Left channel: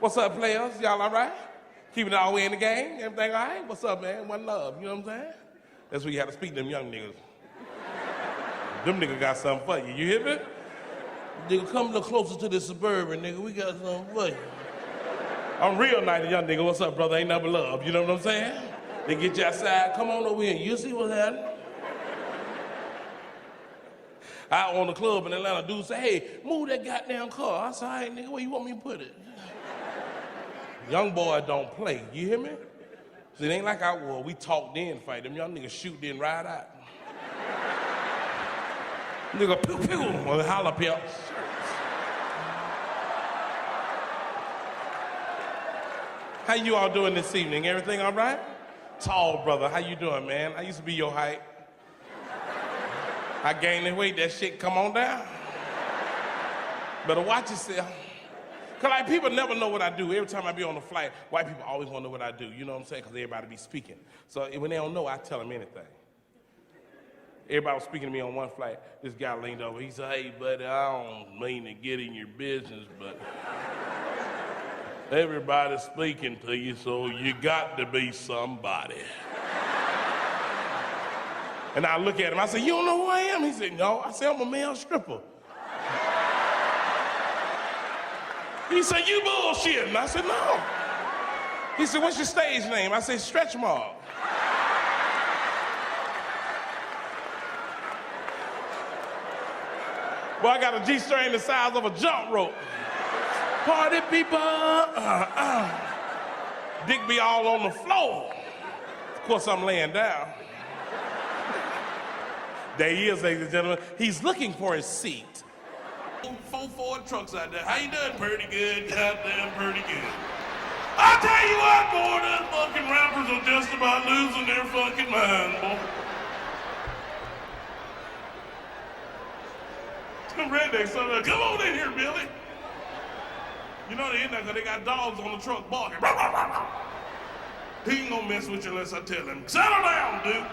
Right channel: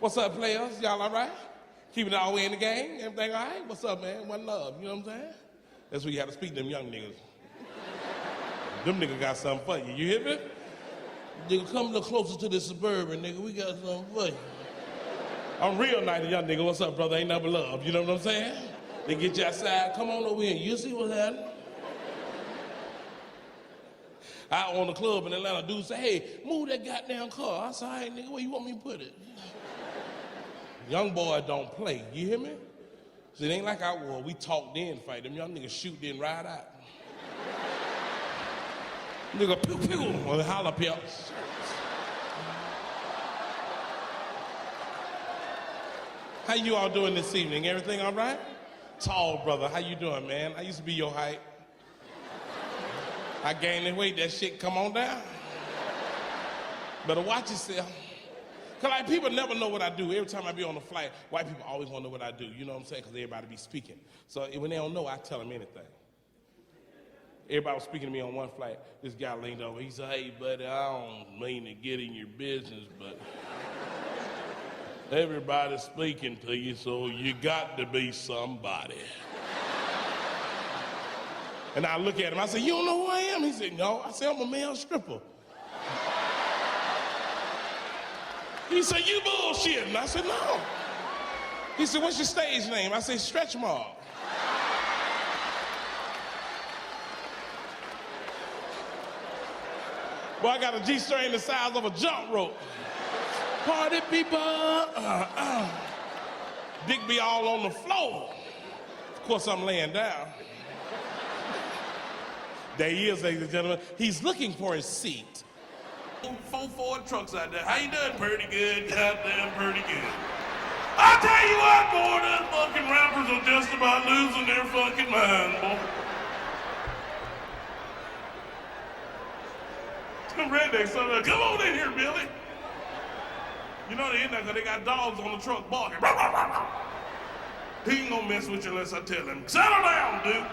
What's up, players? Y'all all right? Keeping it all the way in the game? Everything all right? What's up, man? One love, you know what I'm saying? That's where you have to speak to them young niggas. Them niggas got something for you, you hear me? Nigga, come a little closer to the Suburban, nigga. We got something for you. I'm real nice to young nigga. What's up, brother? Ain't never love, you know what I'm saying? They get you outside, come on over here. You see what's happening? Out on the club in Atlanta, dude say, hey, move that goddamn car. I said, all right, nigga, where you want me to put it? Young boy don't play, you hear me? So it ain't like I was. We talk then fight. Them young niggas shoot then ride out. Nigga, pew pew, or holla pelts. How you all doing this evening? Everything all right? Tall brother, how you doing, man? I used to be your height. I gained the weight, that shit come on down. Better watch yourself. Cause like people never know what I do. Every time I be on the flight, white people always want to know what I do. You know what I'm saying? Cause everybody be speaking. So when they don't know, I tell them anything. Everybody was speaking to me on one flight. This guy leaned over. He said, hey, buddy, I don't mean to get in your business, but everybody's speaking to you, so you got to be somebody. And I look at him, I said, you don't know who I am? He said, no. I said, I'm a male stripper. He said, you bullshitting. I said, no. He said, what's your stage name? I said, Stretch Mark. Boy, I got a G-string the size of a jump rope. Party people. Dick be all on the floor. Of course, I'm laying down. There he is, ladies and gentlemen. He's looking for his seat. 4 Ford trucks out there. How you doing? Pretty good. Goddamn pretty good. I tell you what, boy, those fucking rappers are just about losing their fucking mind, boy. Them rednecks, so come on in here, Billy. You know they in there because they got dogs on the truck barking. He ain't gonna mess with you unless I tell him. Settle down, dude.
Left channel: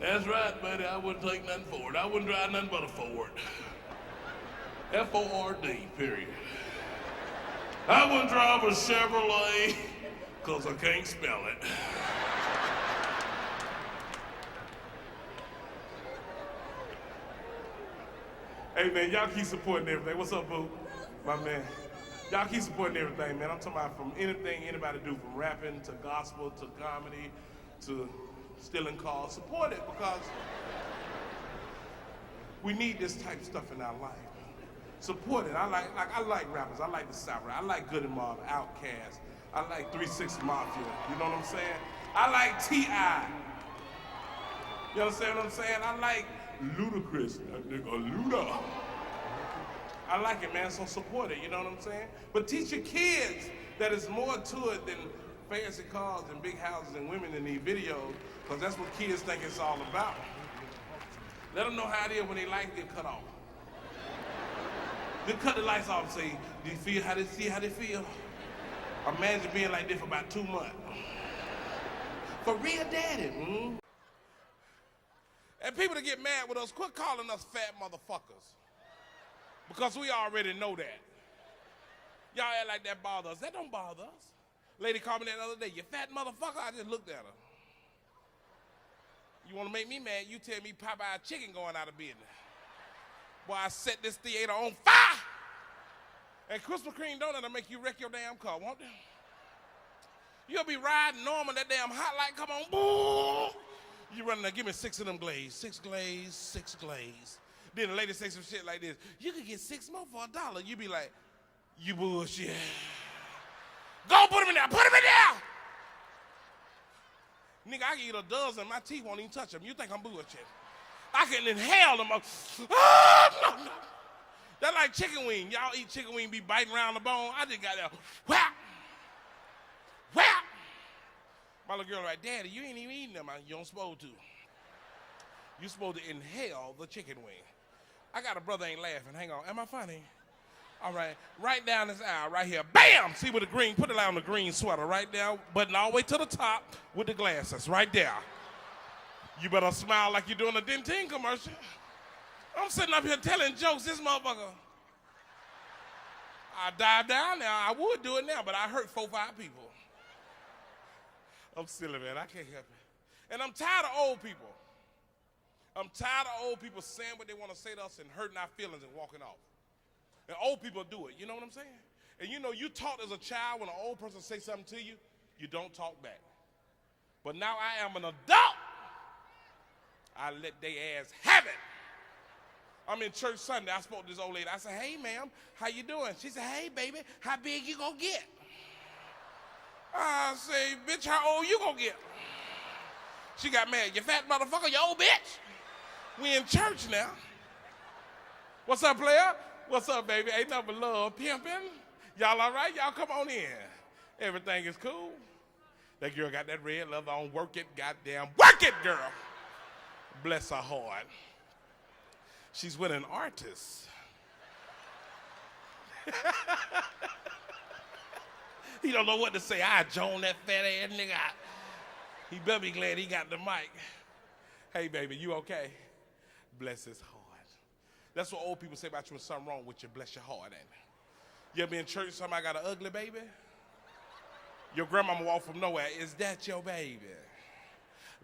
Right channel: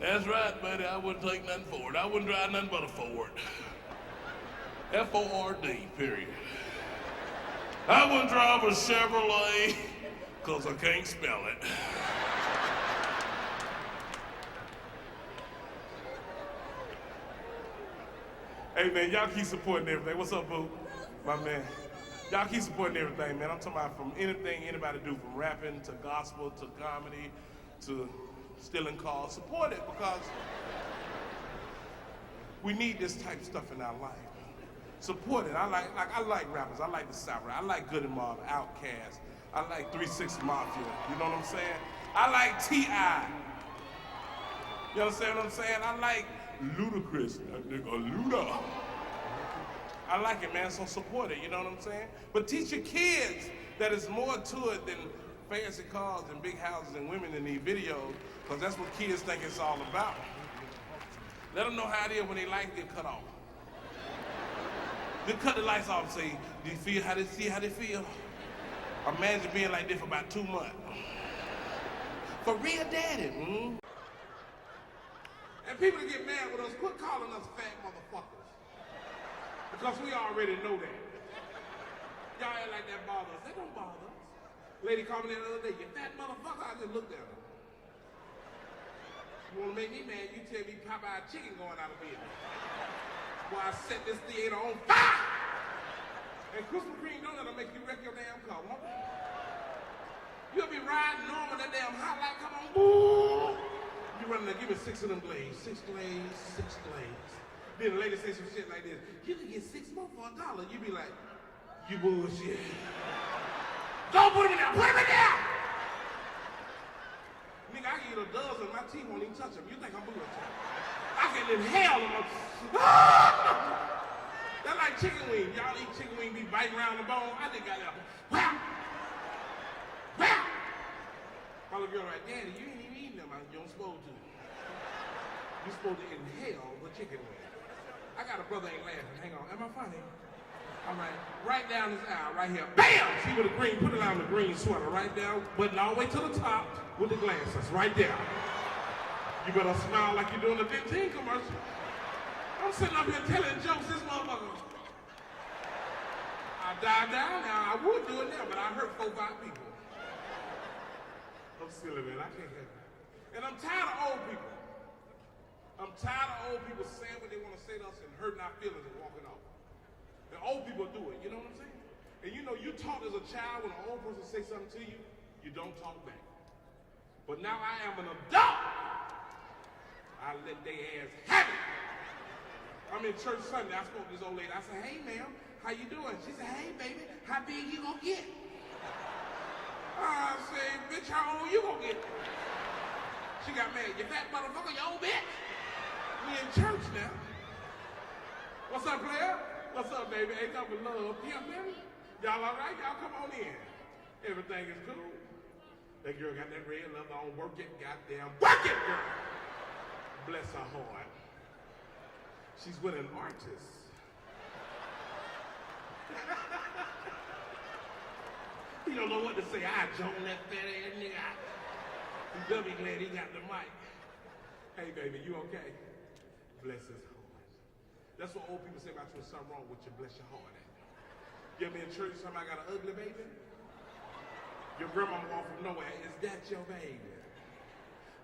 That's right, buddy. I wouldn't take nothing for it. I wouldn't drive nothing but a Ford. F-O-R-D, period. I wouldn't drive a Chevrolet because I can't spell it. Hey, man, y'all keep supporting everything. What's up, boo? My man. Y'all keep supporting everything, man. I'm talking about from anything anybody do, from rapping to gospel to comedy to stealing cars. Support it because we need this type of stuff in our life. Support it. I like rappers. I like the South. I like Good and Mob, Outkast. I like 3 6 Mafia. You know what I'm saying? I like T.I. You understand what I'm saying? I like Ludacris. That nigga Luda. I like it, man, so support it, you know what I'm saying? But teach your kids that it's more to it than fancy cars and big houses and women in these videos, because that's what kids think it's all about. Let them know how it is when they lights get cut off. They cut the lights off and say, do you feel how they see how they feel? Imagine being like this for about 2 months. For real, daddy. And people that get mad with us, quit calling us fat motherfuckers. Because we already know that. Y'all act like that bother us. That don't bother us. Lady called me the other day, you fat motherfucker. I just looked at her. You want to make me mad, you tell me Popeye chicken going out of business. Why I set this theater on fire. And Krispy Kreme donut will make you wreck your damn car, won't it? You'll be riding normal, that damn hot light come on, boom. You run there, give me 6 of them glazed. 6 glazed, 6 glazed. Then the lady say some shit like this. You can get 6 more for $1. You be like, you bullshit. Go put them in there, put them in there! Nigga, I can eat a dozen, my teeth won't even touch them. You think I'm bullshit? I can inhale them. That's like chicken wing. Y'all eat chicken wing, be biting around the bone. I just got that. Whap! Whap! My little girl like, Daddy, you ain't even eating them. You don't supposed to. You're supposed to inhale the chicken wing. I got a brother ain't laughing. Hang on, am I funny? All right, right down this aisle, right here. Bam! See with the green, put it on the green sweater, right down, button all the way to the top with the glasses, right there. You better smile like you're doing a Dentine commercial. I'm sitting up here telling jokes, this motherfucker. I dive down now. I would do it now, but I hurt 4 or 5 people. I'm silly, man. I can't help it. And I'm tired of old people. I'm tired of old people saying what they want to say to us and hurting our feelings and walking off. And old people do it, you know what I'm saying? And you know, you talked as a child when an old person say something to you, you don't talk back. But now I am an adult. I let their ass have it. I'm in church Sunday, I spoke to this old lady. I said, hey ma'am, how you doing? She said, hey baby, how big you gonna get? I say, bitch, how old you gonna get? She got mad. You fat motherfucker, you old bitch. We in church now. What's up, player? What's up, baby? Ain't nothing but love, pimping. Y'all all right? Y'all come on in. Everything is cool. That girl got that red leather on. Work it, goddamn. Work it, girl. Bless her heart. She's with an artist. He don't know what to say. I join that fat ass nigga. He better be glad he got the mic. Hey, baby, you okay? Bless his heart. That's what old people say about you when something wrong with you. Bless your heart at it. You ever been in church, somebody got an ugly baby? Your grandmama walked from nowhere. Is that your baby?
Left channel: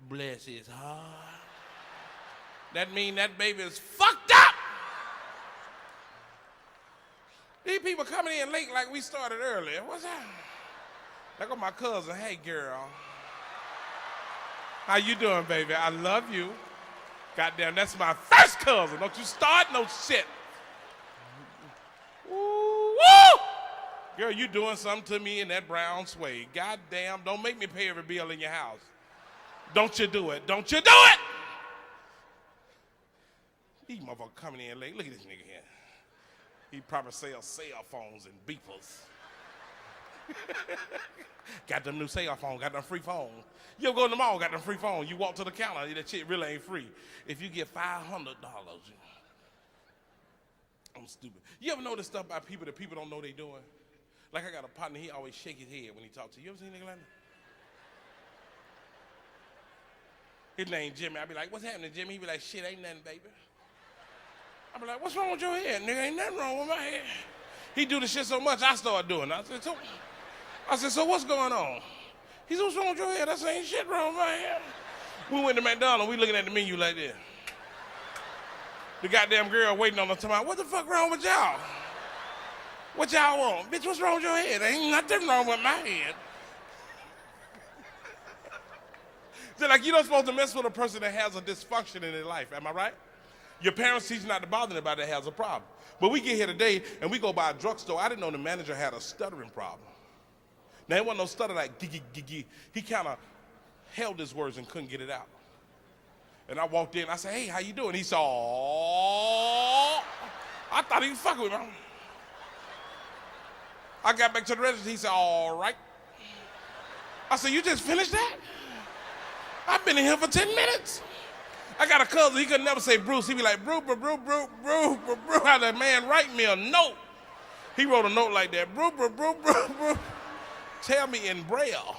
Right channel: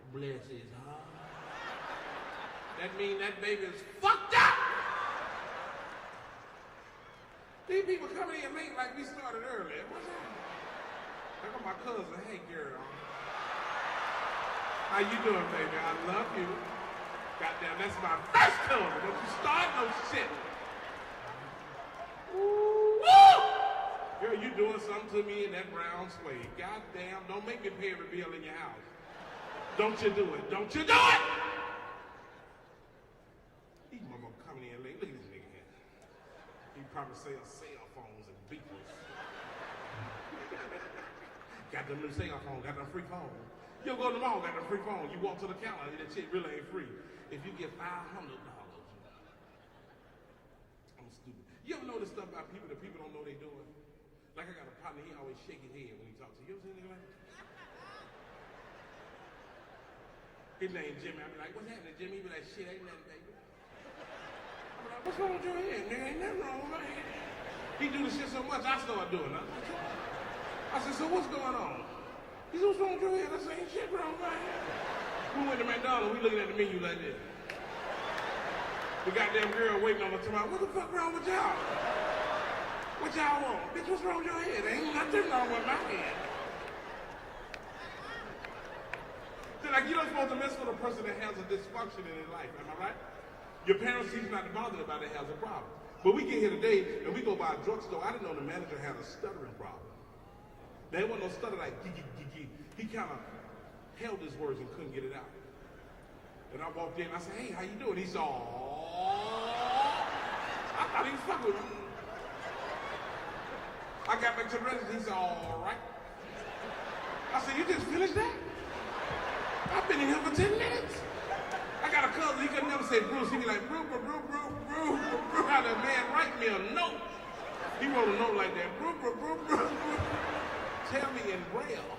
Bless his heart. That mean that baby is fucked up. These people coming in late like we started earlier. What's that? I got my cousin. Hey, girl. How you doing, baby? I love you. Goddamn, that's my first cousin. Don't you start no shit. Ooh, woo! Girl, you doing something to me in that brown suede. Goddamn, don't make me pay every bill in your house. Don't you do it. Don't you do it! These motherfuckers coming in late. Look at this nigga here. He probably sells cell phones and beepers. Got them new cell phones, got them free phones. You go to the mall, got them free phones. You walk to the counter, that shit really ain't free. If you get $500, I'm stupid. You ever notice stuff about people that people don't know they doing? Like I got a partner, he always shake his head when he talks to you. You ever seen a nigga like that? His name Jimmy. I be like, what's happening, Jimmy? He be like, shit, ain't nothing, baby. I be like, what's wrong with your head, nigga? Ain't nothing wrong with my head. He do the shit so much, I start doing it. I said, so what's going on? He said, what's wrong with your head? I said, ain't shit wrong with my head. We went to McDonald's, we looking at the menu like this. The goddamn girl waiting on us, talking, what the fuck wrong with y'all? What y'all want? Bitch, what's wrong with your head? Ain't nothing wrong with my head. So like, you're not supposed to mess with a person that has a dysfunction in their life, am I right? Your parents teach you not to bother anybody that has a problem. But we get here today and we go by a drugstore. I didn't know the manager had a stuttering problem. Now, it wasn't no stutter like giggy, giggy. He kind of held his words and couldn't get it out. And I walked in, I said, hey, how you doing? He said, oh. I thought he was fucking with me. I got back to the register, he said, all right. I said, you just finished that? I've been in here for 10 minutes. I got a cousin, he could never say Bruce. He'd be like, Bruce, how that man write me a note. He wrote a note like that, Bruce. Tell me in Braille.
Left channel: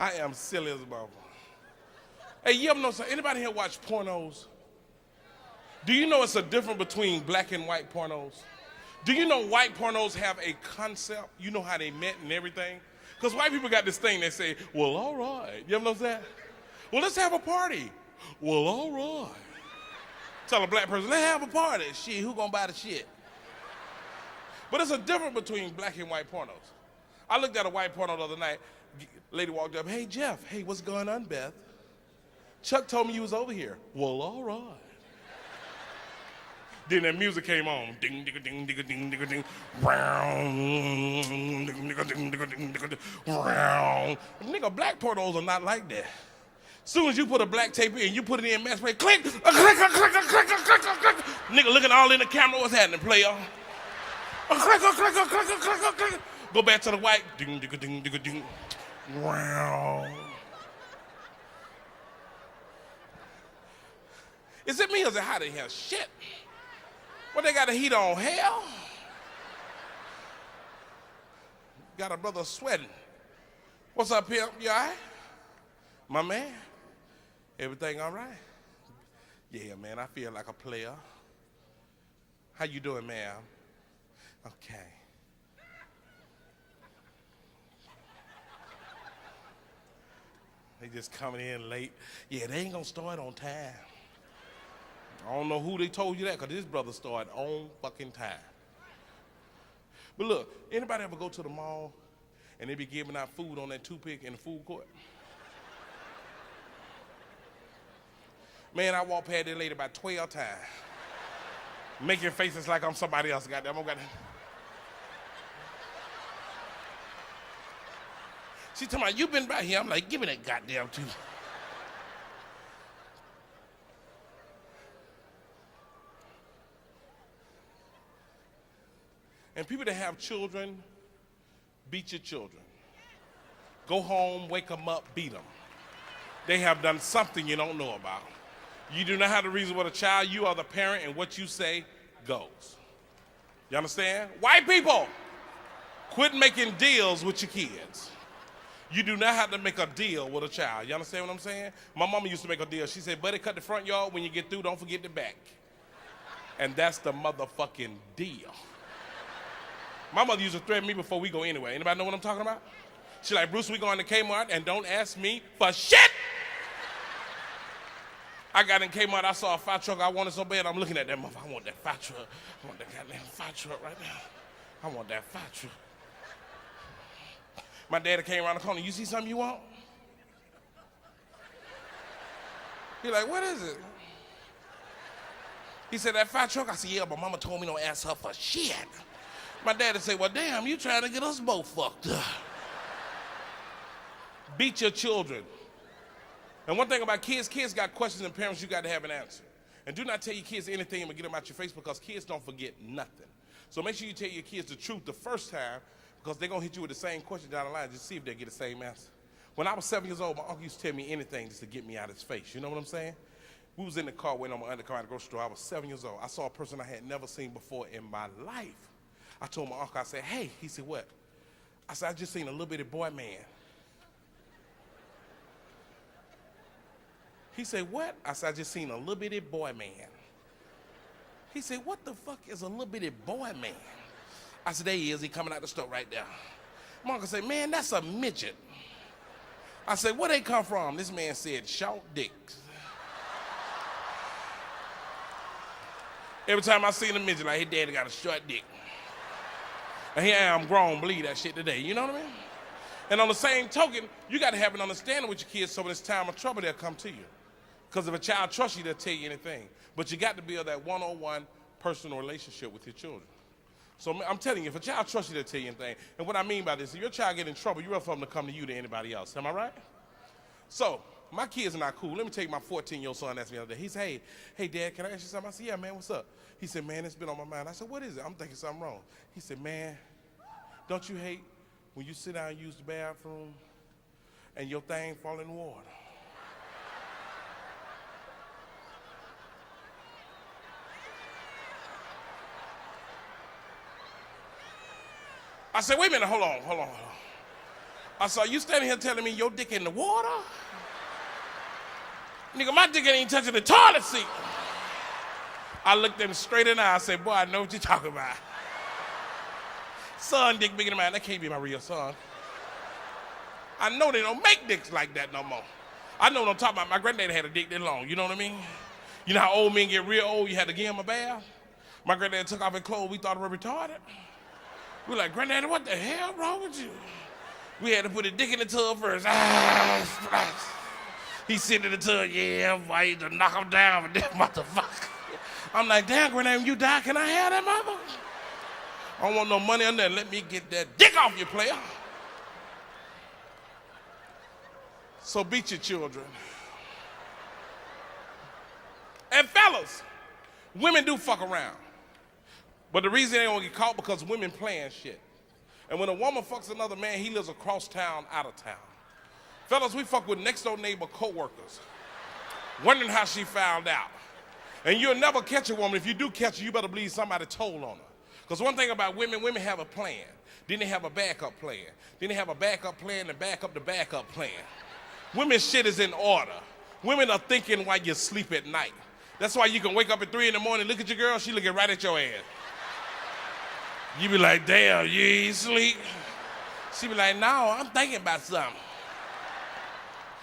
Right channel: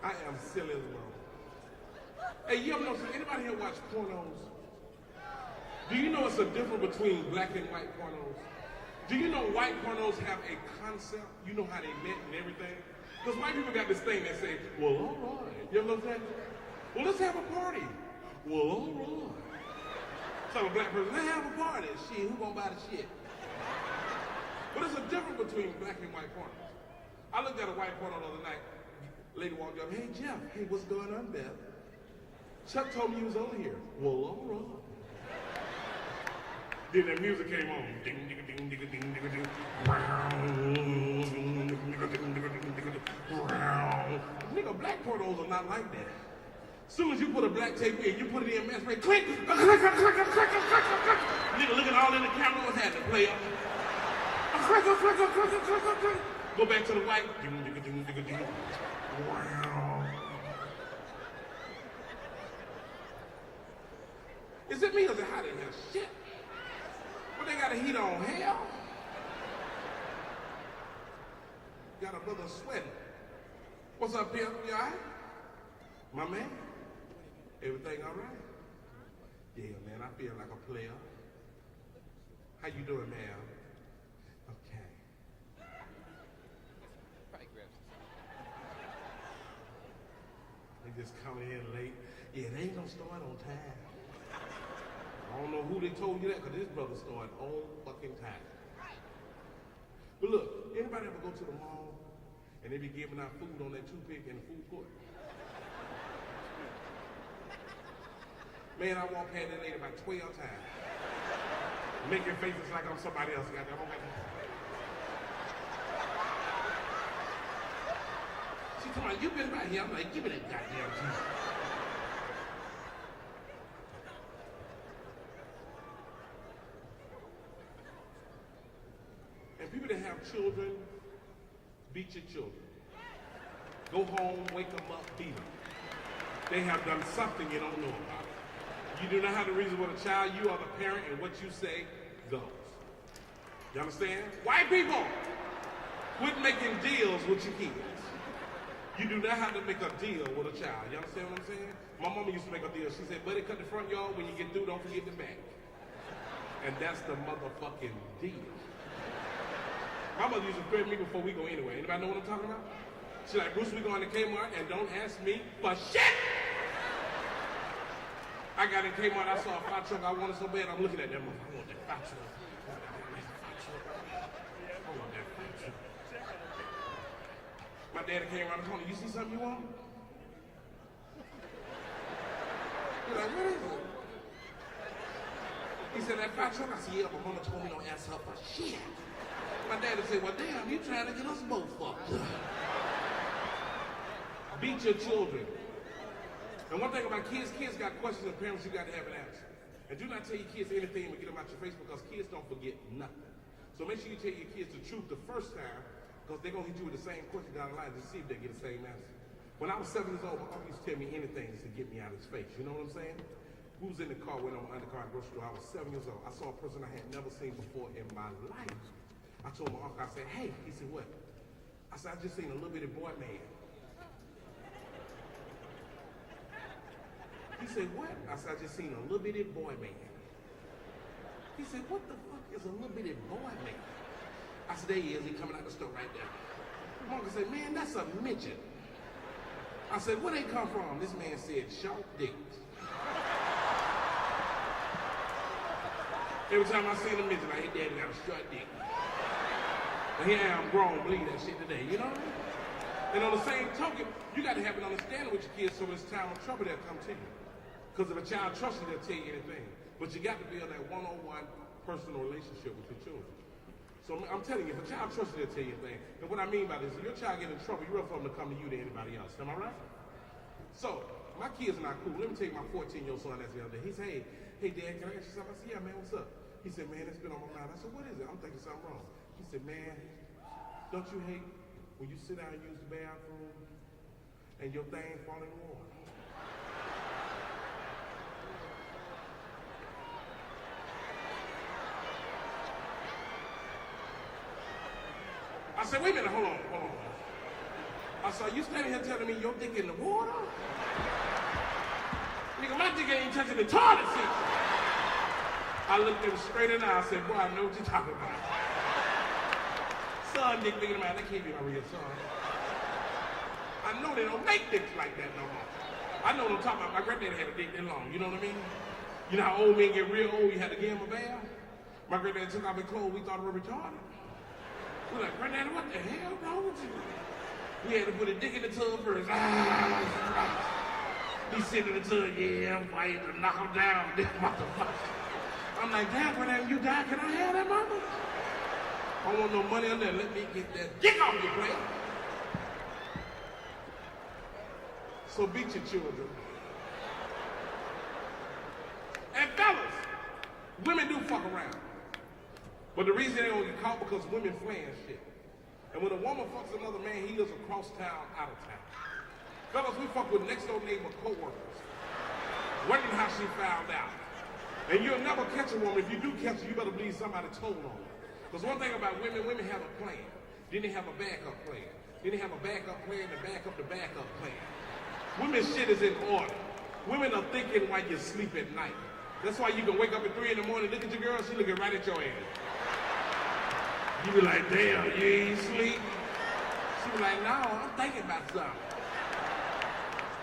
I am silly as a bone. Hey, you ever know something? Anybody here watch pornos? Do you know it's a difference between black and white pornos? Do you know white pornos have a concept? You know how they met and everything? Because white people got this thing they say, well, all right. You ever notice that? Well, let's have a party. Well, all right. Tell a black person, let's have a party. Shit, who gonna buy the shit? But there's a difference between black and white pornos. I looked at a white porno the other night. Lady walked up, hey, Jeff. Hey, what's going on, Beth? Chuck told me you was over here. Well, all right. Then that music came on. Ding, ding, ding, ding, ding, ding, ding. Nigga, black pornos are not like that. Soon as you put a black tape in, you put it in mass play, click, nigga looking all in the camera, what's happening, player? Go back to the white. Ding, ding, ding, ding, ding. Wow. Is it me or is it hot in here? Shit. What, they got a heat on? Hell? Got a brother sweating. What's up, pimp? You all right? My man? Everything all right? Yeah, man, I feel like a player. How you doing, ma'am? Okay. They just coming in late. Yeah, they ain't gonna start on time. I don't know who they told you that, because this brother started on fucking time. But look, anybody ever go to the mall and they be giving out food on that toothpick in the food court? Man, I walked past that lady about 12 times. Making faces like I'm somebody else, goddamn. She talking about, you been by here? I'm like, give me that goddamn tooth. And people that have children, beat your children. Go home, wake them up, beat them. They have done something you don't know about. You do not have to reason with a child. You are the parent, and what you say goes. You understand? White people, quit making deals with your kids. You do not have to make a deal with a child. You understand what I'm saying? My mama used to make a deal. She said, buddy, cut the front yard. When you get through, don't forget the back. And that's the motherfucking deal. My mother used to threaten me before we go anywhere. Anybody know what I'm talking about? She's like, Bruce, we going to Kmart and don't ask me for shit. I got in Kmart, I saw a fire truck I wanted so bad, I'm looking at that motherfucker. I want that fire truck. I want that goddamn fire truck right now. I want that fire truck. My daddy came around the corner, you see something you want? He's like, what is it? He said, that fire truck? I said, yeah, but mama told me don't ask her for shit. My daddy said, well, damn, you trying to get us both fucked up. Beat your children. And one thing about kids got questions, and parents, you got to have an answer. And do not tell your kids anything and get them out your face, because kids don't forget nothing. So make sure you tell your kids the truth the first time, because they're going to hit you with the same question down the line, just see if they get the same answer. When I was 7 years old, my uncle used to tell me anything just to get me out of his face. You know what I'm saying? We was in the car waiting on my undercar at the grocery store. I was 7 years old. I saw a person I had never seen before in my life. I told my uncle, I said, hey. He said, what? I said, I just seen a little bitty boy man. He said, what? I said, I just seen a little bitty boy man. He said, what the fuck is a little bitty boy man? I said, there he is. He coming out the store right there. My uncle said, man, that's a midget. I said, where they come from? This man said, short dicks. Every time I see a midget, like, his daddy got a short dick. And here I am grown, believe that shit today, you know what I mean? And on the same token, you got to have an understanding with your kids so when it's time of trouble, they'll come to you. Because if a child trusts you, they'll tell you anything. But you got to build that one-on-one personal relationship with your children. So I'm telling you, if a child trusts you, they'll tell you anything. And what I mean by this, if your child get in trouble, you're for them to come to you than anybody else. Am I right? So my kids are not cool. Let me tell you, my 14-year-old son asked me the other day. He said, hey, Dad, can I ask you something? I said, yeah, man, what's up? He said, man, it's been on my mind. I said, what is it? I'm thinking something wrong. He said, man, don't you hate when you sit down and use the bathroom and your thing fall in the water? I said, wait a minute, hold on. I saw you standing here telling me your dick in the water? Nigga, my dick ain't even touching the toilet seat. I looked them straight in the eye. I said, boy, I know what you're talking about. Son dick bigger than mine. That can't be my real son. I know they don't make dicks like that no more. I know what I'm talking about. My granddaddy had a dick that long. You know what I mean? You know how old men get real old? You had to give him a bath? My granddaddy took off his clothes. We thought we were retarded. We were like, granddaddy, what the hell wrong with you? We had to put a dick in the tub first. He sit in the tub, yeah, I'm waiting to knock him down with this motherfucker. I'm like, damn, granddaddy, when you die, can I have that mama? I don't want no money on that. Let me get that dick off you, player. So beat your children. And fellas, women do fuck around. But the reason they don't get caught because women playing shit. And when a woman fucks another man, he lives across town, out of town. Fellas, we fuck with next door neighbor co-workers, wondering how she found out. And you'll never catch a woman. If you do catch her, you better believe somebody told on her. Because one thing about women have a plan. Then they have a backup plan. Then they have a backup plan to back up the backup plan. Women's shit is in order. Women are thinking while you sleep at night. That's why you can wake up at 3 in the morning, look at your girl, she looking right at your ass. You be like, damn, you ain't sleep? She be like, no, I'm thinking about something.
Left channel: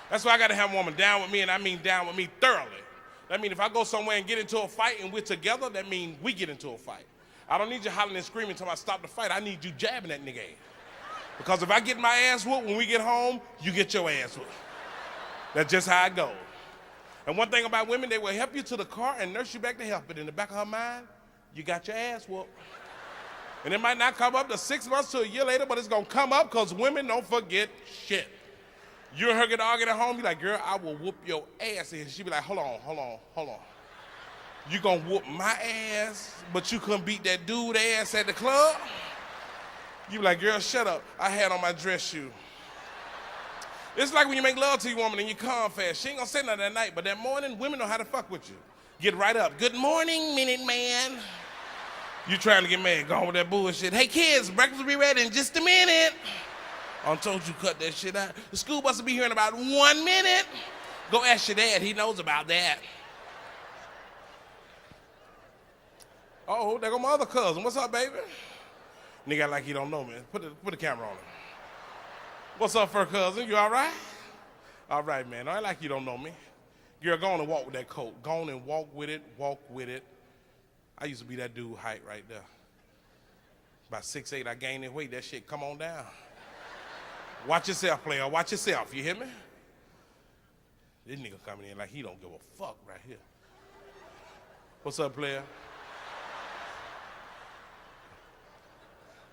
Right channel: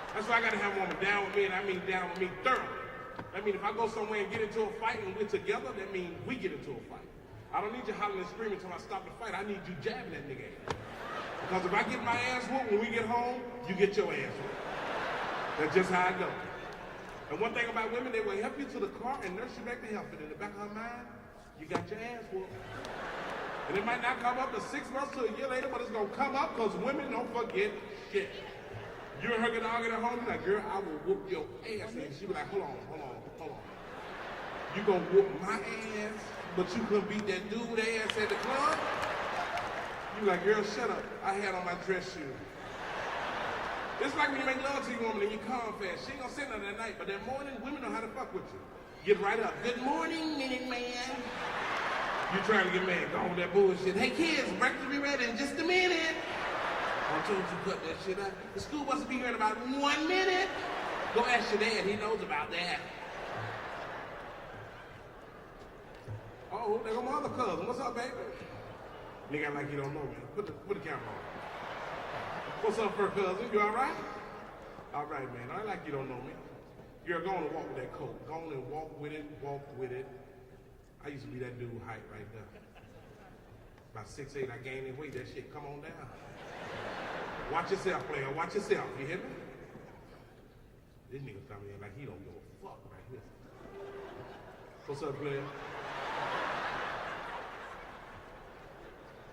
That's why I gotta have a woman down with me, and I mean down with me thoroughly. That means if I go somewhere and get into a fight and we're together, that means we get into a fight. I don't need you hollering and screaming until I stop the fight. I need you jabbing that nigga ass. Because if I get my ass whooped when we get home, you get your ass whooped. That's just how it goes. And one thing about women, they will help you to the car and nurse you back to health. But in the back of her mind, you got your ass whooped. And it might not come up to 6 months to a year later, but it's gonna come up because women don't forget shit. You and her get arguing at home, you like, girl, I will whoop your ass. And she be like, hold on. You gonna whoop my ass, but you couldn't beat that dude ass at the club? You be like, girl, shut up. I had on my dress shoe. It's like when you make love to your woman and you calm fast. She ain't gonna say nothing that night, but that morning, women know how to fuck with you. Get right up. Good morning, Minute Man. You trying to get mad, go on with that bullshit. Hey kids, breakfast will be ready in just a minute. I told you cut that shit out. The school bus will be here in about 1 minute. Go ask your dad, he knows about that. Oh, there go my other cousin. What's up, baby? Nigga like you don't know, man. Put the camera on. What's up, fur cousin? You all right? All right, man. I like you don't know me. Girl, go on and walk with that coat. Go on and walk with it. I used to be that dude height right there. About 6'8", I gained that weight. That shit come on down. Watch yourself, player. Watch yourself. You hear me? This nigga coming in like he don't give a fuck right here. What's up, player?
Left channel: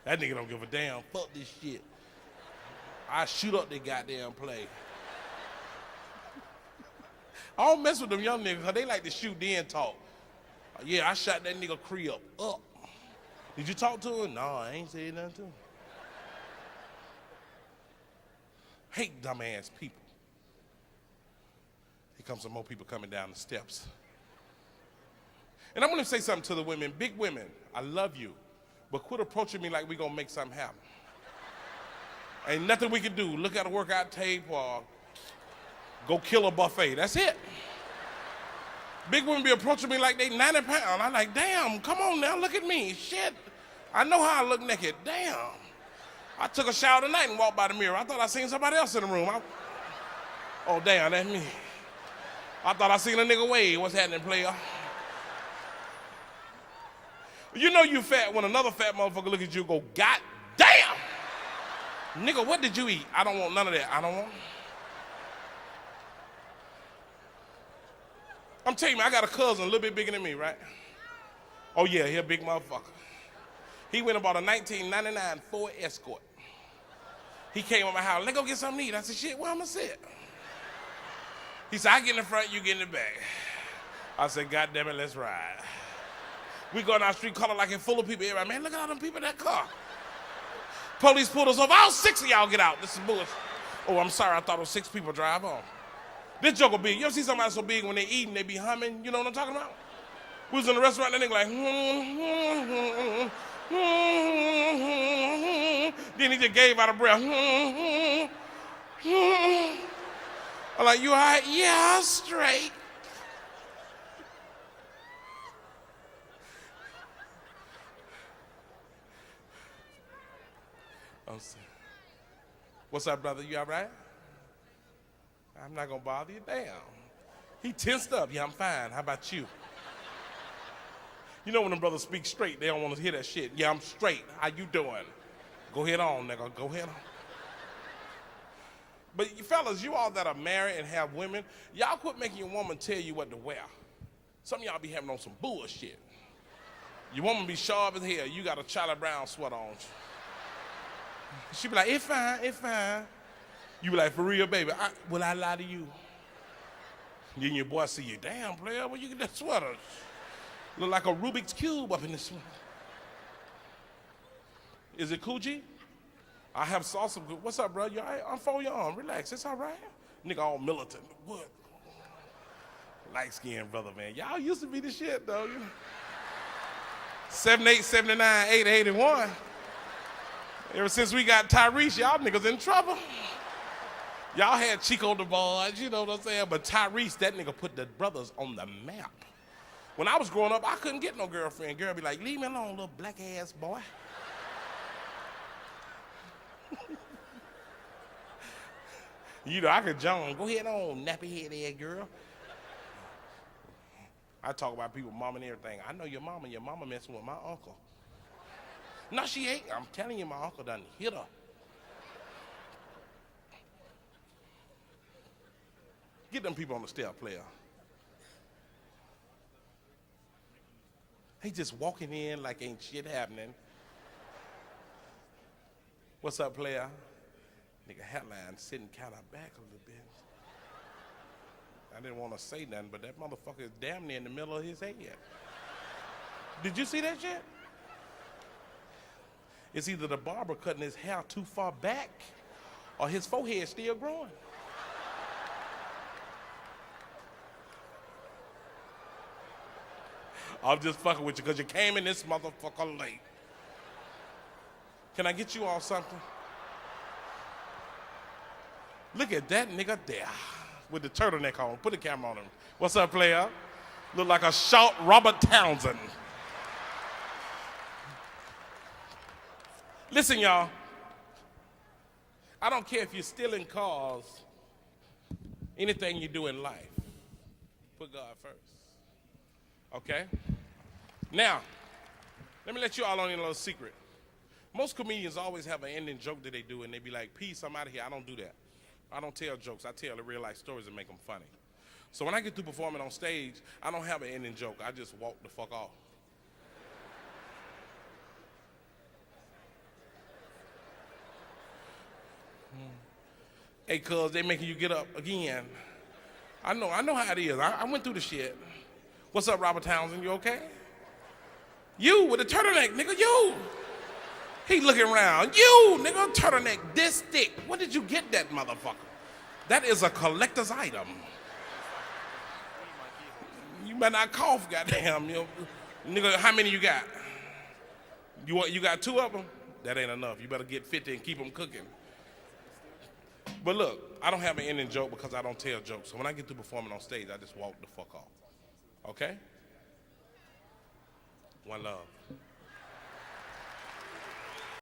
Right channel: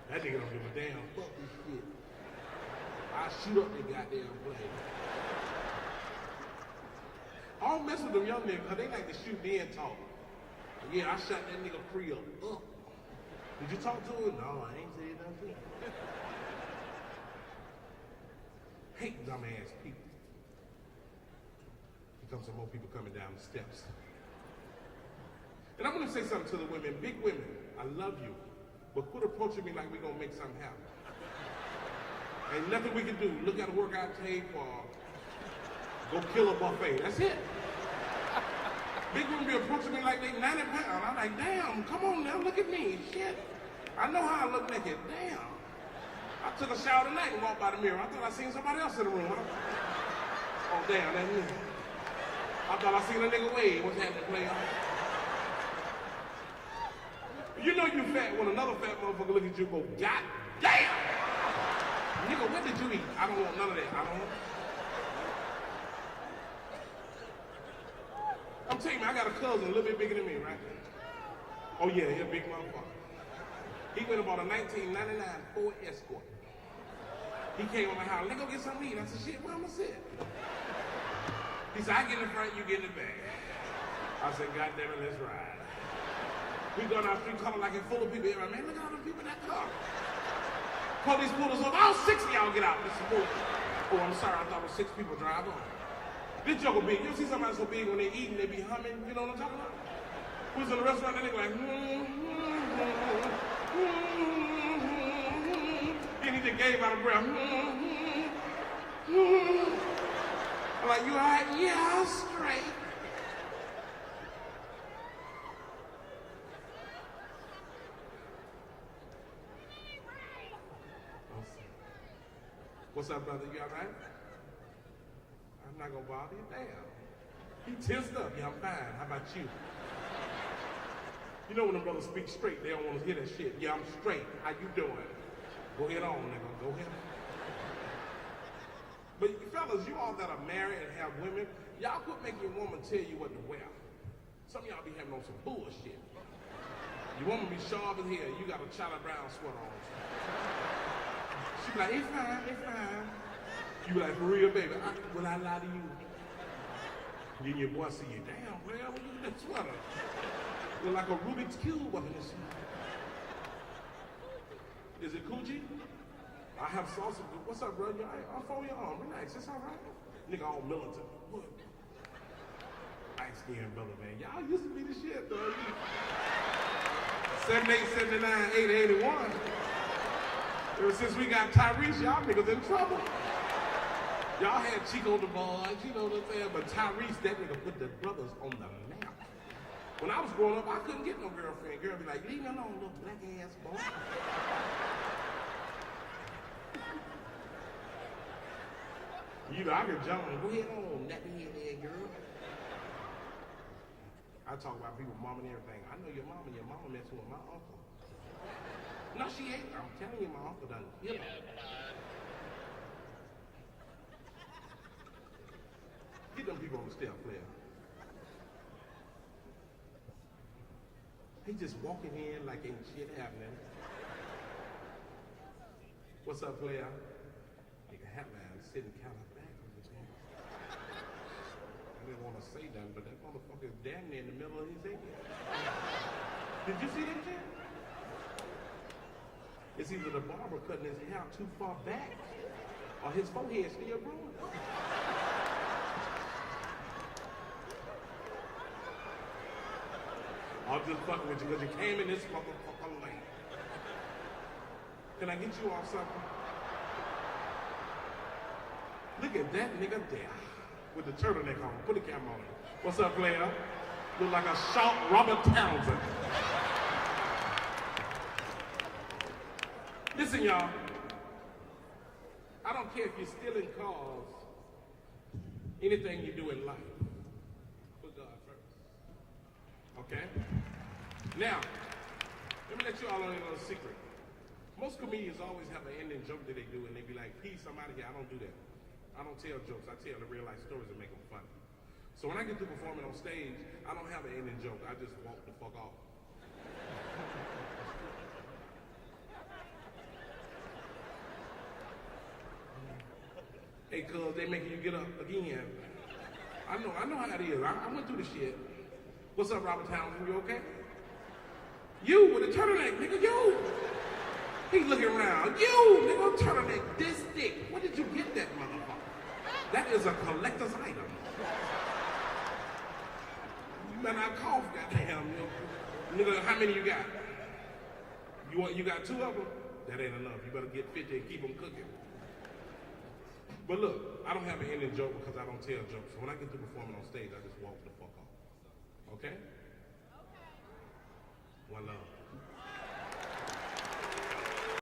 That nigga don't give a damn. Fuck this shit. I shoot up the goddamn play. I don't mess with them young niggas because they like to shoot then talk. Yeah, I shot that nigga Creel up. Did you talk to him? No, I ain't said nothing to him. Hate dumbass people. Here comes some more people coming down the steps. And I'm gonna say something to the women, big women, I love you, but quit approaching me like we gonna make something happen. Ain't nothing we can do. Look at a workout tape or go kill a buffet, that's it. Big women be approaching me like they 90 pounds. I'm like, damn, come on now, look at me, shit. I know how I look naked, damn. I took a shower tonight and walked by the mirror. I thought I seen somebody else in the room. Oh, damn, that's me. I thought I seen a nigga wave. What's happening, player? You know you fat when another fat motherfucker look at you and go, God damn! Nigga, what did you eat? I don't want none of that. I don't want. I'm telling you, I got a cousin a little bit bigger than me, right? Oh yeah, he a big motherfucker. He went and bought a 1999 Ford Escort. He came to my house, let's go get something to eat. I said, shit, where I'm gonna sit? He said, I get in the front, you get in the back. I said, God damn it, let's ride. We go down the street, color like it full of people. Everybody, man, look at all them people in that car. Police pulled us over. All 6 of y'all get out. This is bullshit. Oh, I'm sorry, I thought it was 6 people drive on. This joke will be, you ever see somebody so big when they eat and they be humming? You know what I'm talking about? We was in the restaurant and they like, Then he just gave out a breath. I'm like, you all right? Yeah, I'm straight. What's up, brother? You all right? I'm not gonna bother you. Damn. He tensed up. Yeah, I'm fine. How about you? You know when them brothers speak straight, they don't want to hear that shit. Yeah, I'm straight. How you doing? Go ahead on, nigga. Go ahead on. But you fellas, you all that are married and have women, y'all quit making your woman tell you what to wear. Some of y'all be having on some bullshit. Your woman be sharp as hell. You got a Charlie Brown sweater on. She be like, it's fine, it's fine. You be like, for real, baby, will I lie to you? Then your boy see you, damn, player, where you get that sweater? Look like a Rubik's Cube up in this one. Is it Coochie? I have salsa. What's up, bro? You all right? I'm for your arm. Relax, it's all right. Nigga all militant. What? Light-skinned brother, man. Y'all used to be the shit, though. 78, 79, 80, 81. Ever since we got Tyrese, y'all niggas in trouble. Y'all had Chico the Boys, you know what I'm saying? But Tyrese, that nigga put the brothers on the map. When I was growing up, I couldn't get no girlfriend. Girl be like, leave me alone, little black ass boy. You know, I could jump. Go ahead on, nappy head girl. I talk about people, mom and everything. I know your mama messing with my uncle. No, she ain't. I'm telling you, my uncle done hit her. Get them people on the step, player. They just walking in like ain't shit happening. What's up, player? Nigga, headline sitting kind of back a little bit. I didn't want to say nothing, but that motherfucker is damn near in the middle of his head. Did you see that shit? It's either the barber cutting his hair too far back or his forehead still growing. I'm just fucking with you because you came in this motherfucker late. Can I get you all something? Look at that nigga there with the turtleneck on. Put the camera on him. What's up, player? Look like a short Robert Townsend. Listen, y'all. I don't care if you're stealing cars, anything you do in life, put God first. Okay? Now, let me let you all on in a little secret. Most comedians always have an ending joke that they do, and they be like, peace, I'm out of here. I don't do that. I don't tell jokes. I tell the real life stories and make them funny. So when I get through performing on stage, I don't have an ending joke. I just walk the fuck off. Hey, cuz, they making you get up again. I know how it is. I went through the shit. What's up, Robert Townsend? You okay? You with the turtleneck, nigga, you. He looking around. You, nigga, turtleneck this thick. Where did you get that motherfucker? That is a collector's item. You better not cough, goddamn. Nigga, how many you got? You got 2 of them? That ain't enough. You better get 50 and keep them cooking. But look, I don't have an ending joke because I don't tell jokes. So when I get to performing on stage, I just walk the fuck off. Okay? One love.